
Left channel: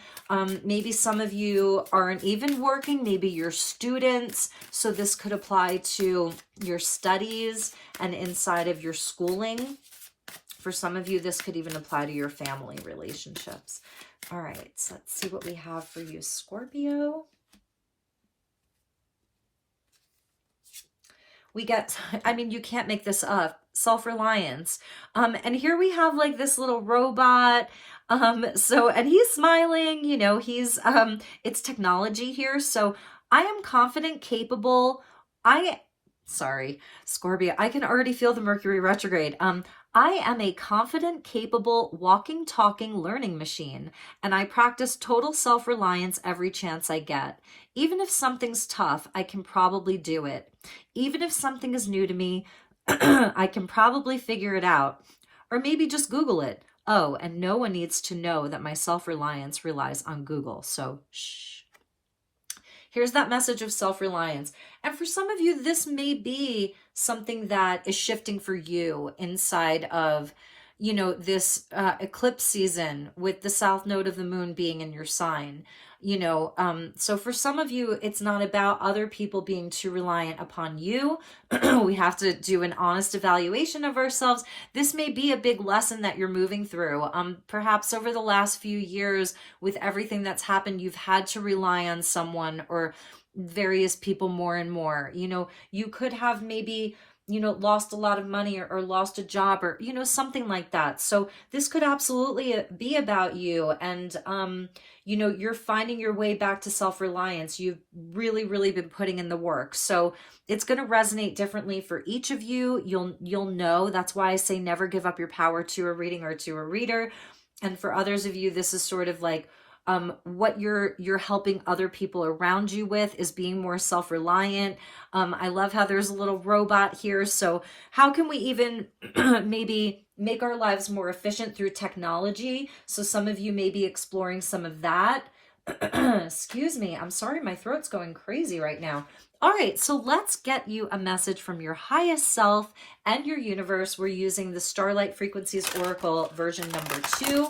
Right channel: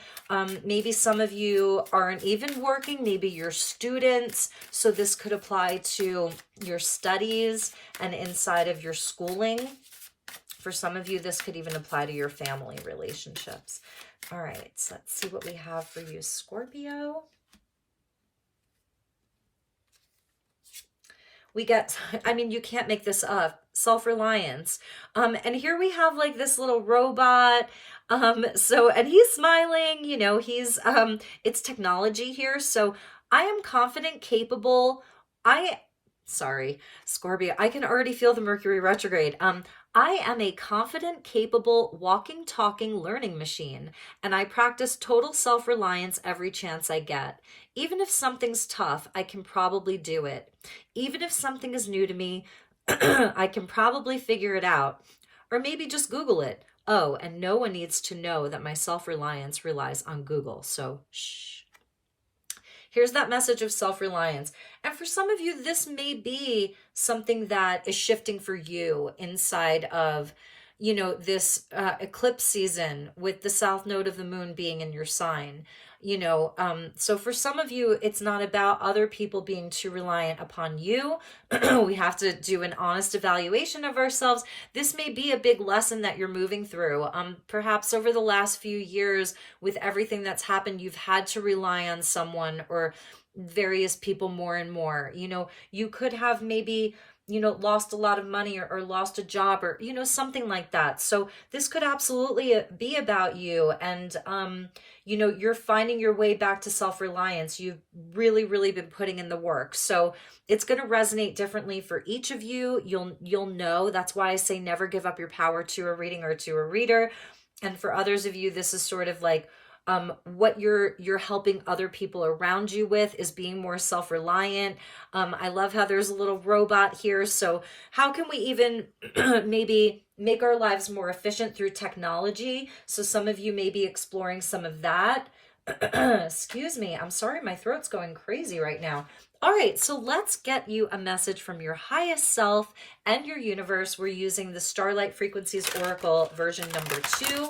Maybe some of you aren't even working. Maybe you're students. So this could apply to your studies and inside of your schooling. For some of you, this could even apply to your family relationships. All right, so let's see what we have for you, Scorpio. We get, I mean, you can't make this up, self-reliance. And here we have like this little robot. And he's smiling, you know, it's technology here. So I am confident, capable. Sorry, Scorpio, I can already feel the Mercury retrograde. I am a confident, capable, walking, talking, learning machine, and I practice total self-reliance every chance I get. Even if something's tough, I can probably do it. Even if something is new to me, I can probably figure it out. Or maybe just Google it. Oh, and no one needs to know that my self-reliance relies on Google, so shh. Here's that message of self-reliance. And for some of you, this may be something that is shifting for you inside of, you know, this eclipse season with the south node of the moon being in your sign. You know, so for some of you, it's not about other people being too reliant upon you. We have to do an honest evaluation of ourselves. This may be a big lesson that you're moving through. Perhaps over the last few years, with everything that's happened, you've had to rely on someone or various people more and more. You know, you could have maybe, you know, lost a lot of money or lost a job or, you know, something like that. So this could absolutely be about you. And, you know, you're finding your way back to self-reliance. You've really, really been putting in the work. So it's going to resonate differently for each of you. You'll know. That's why I say never give up your power to a reading or to a reader. And for others of you, this is sort of like, what you're helping other people around you with is being more self-reliant. I love how there's a little robot here. So how can we even maybe make our lives more efficient through technology? So some of you may be exploring some of that. Excuse me. I'm sorry. My throat's going crazy right now. All right. So let's get you a message from your highest self and your universe. We're using the Starlight Frequencies Oracle version number 2.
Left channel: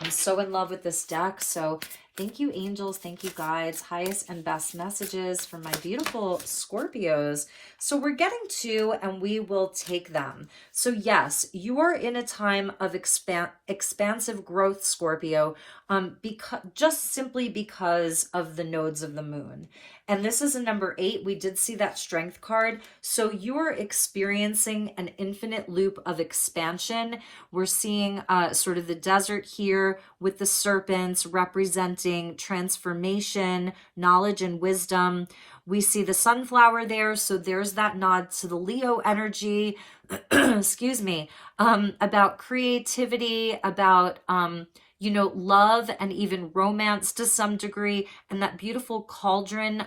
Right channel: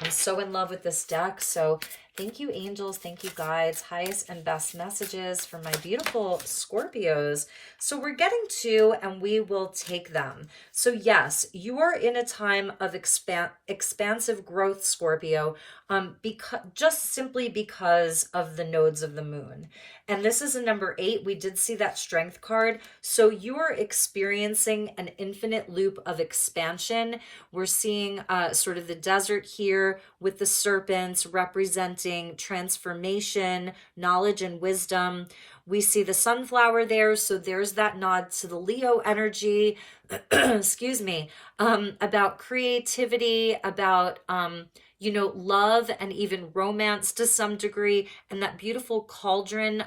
I'm so in love with this deck. So thank you, angels. Thank you, guides. Highest and best messages for my beautiful Scorpios. So we're getting 2 and we will take them. So yes, you are in a time of expansive growth, Scorpio, just simply because of the nodes of the moon. And this is a number 8. We did see that strength card. So you are experiencing an infinite loop of expansion. We're seeing sort of the desert here with the serpents representing transformation, knowledge, and wisdom. We see the sunflower there. So there's that nod to the Leo energy, excuse me, about creativity, about, you know, love and even romance to some degree, and that beautiful cauldron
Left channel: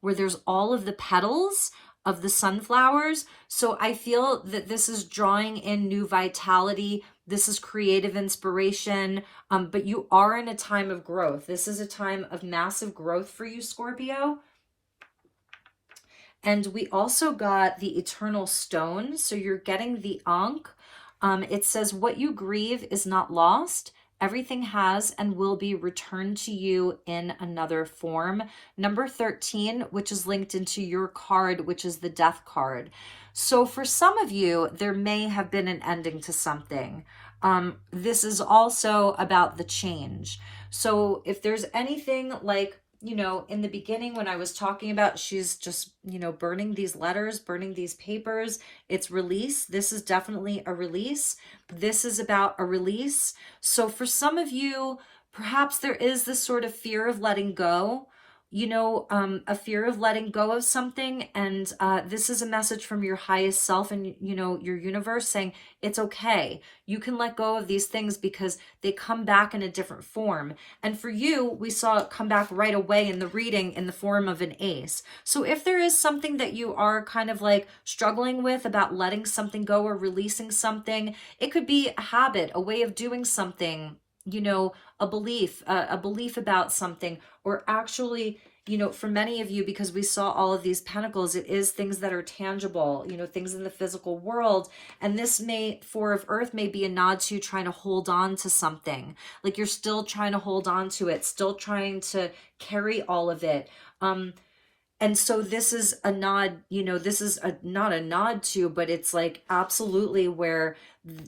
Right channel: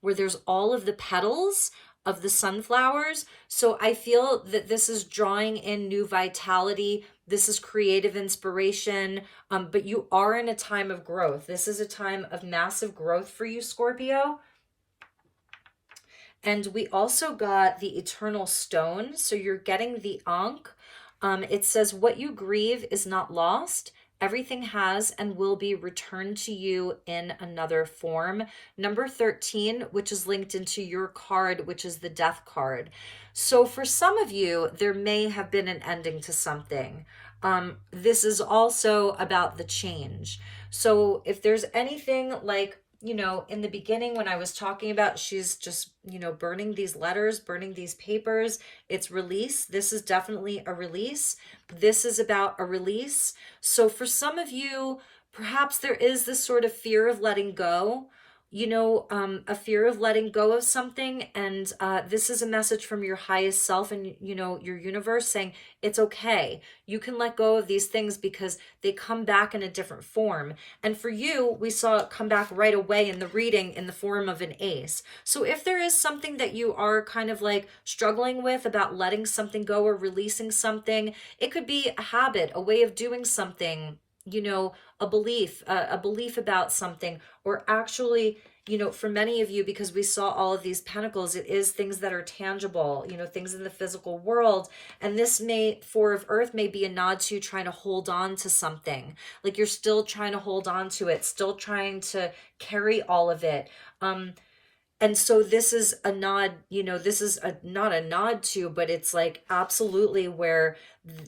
where there's all of the petals of the sunflowers. So I feel that this is drawing in new vitality. This is creative inspiration, but you are in a time of growth. This is a time of massive growth for you, Scorpio. And we also got the Eternal Stone. So you're getting the Ankh. It says, what you grieve is not lost. Everything has and will be returned to you in another form. Number 13, which is linked into your card, which is the Death card. So for some of you, there may have been an ending to something. This is also about the change. So if there's anything like, you know, in the beginning when I was talking about she's just, you know, burning these letters, burning these papers, it's release. This is definitely a release. This is about a release. So for some of you, perhaps there is this sort of fear of letting go, you know, a fear of letting go of something. And this is a message from your highest self and, you know, your universe saying it's okay. You can let go of these things because they come back in a different form. And for you, we saw it come back right away in the reading in the form of an ace. So if there is something that you are kind of like struggling with about letting something go or releasing something, it could be a habit, a way of doing something, you know, a belief about something, or actually, you know, for many of you, because we saw all of these pentacles, it is things that are tangible, you know, things in the physical world. And this may, Four of Earth may be a nod to you trying to hold on to something. Like you're still trying to hold on to it, still trying to carry all of it. And so this is a nod, you know, this is not a nod to, but it's like absolutely where,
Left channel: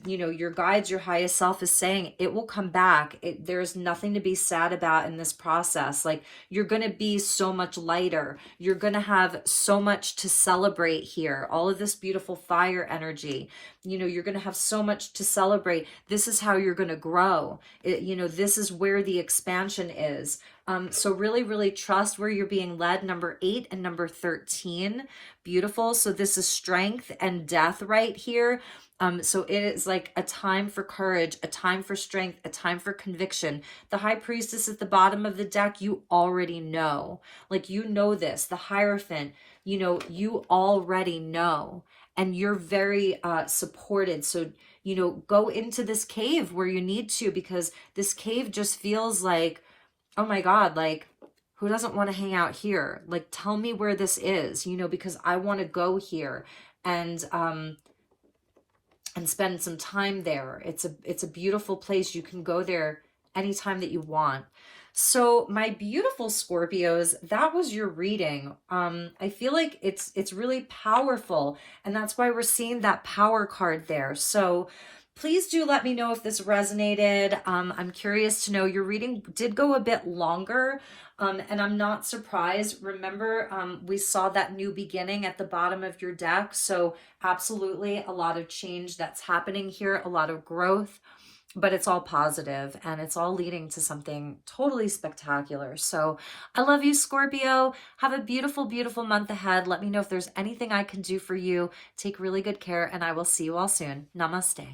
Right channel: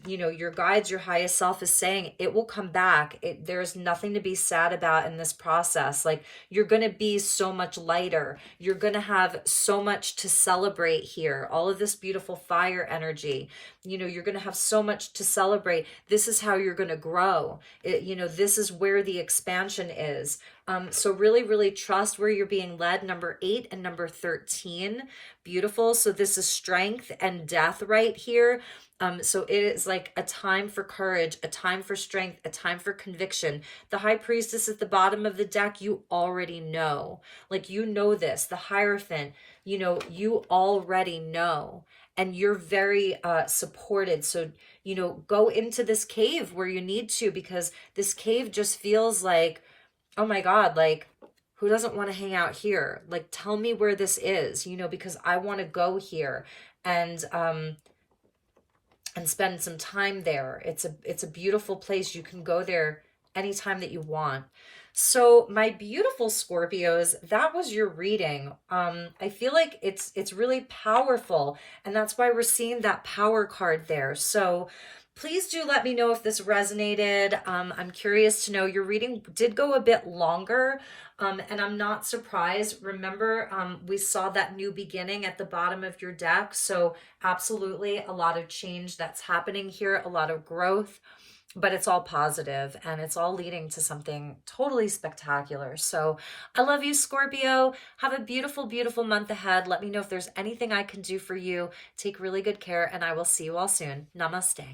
you know, your guides, your highest self is saying it will come back. There's nothing to be sad about in this process. Like you're going to be so much lighter. You're going to have so much to celebrate here. All of this beautiful fire energy, you know, you're going to have so much to celebrate. This is how you're going to grow. You know, this is where the expansion is. So really, really trust where you're being led. Number 8 and number 13. Beautiful. So this is strength and death right here. So it is like a time for courage, a time for strength, a time for conviction. The High Priestess at the bottom of the deck, you already know. Like, you know this. The Hierophant, you know, you already know. And you're very supported. So, you know, go into this cave where you need to, because this cave just feels like, oh my God, like, who doesn't want to hang out here? Like, tell me where this is, you know, because I want to go here and spend some time there. It's a beautiful place. You can go there anytime that you want. So my beautiful Scorpios, that was your reading. I feel like it's really powerful, and that's why we're seeing that power card there. So please do let me know if this resonated. I'm curious to know. Your reading did go a bit longer, and I'm not surprised. Remember, we saw that new beginning at the bottom of your deck. So absolutely a lot of change that's happening here, a lot of growth, but it's all positive and it's all leading to something totally spectacular. So I love you, Scorpio. Have a beautiful, beautiful month ahead. Let me know if there's anything I can do for you. Take really good care, and I will see you all soon. Namaste.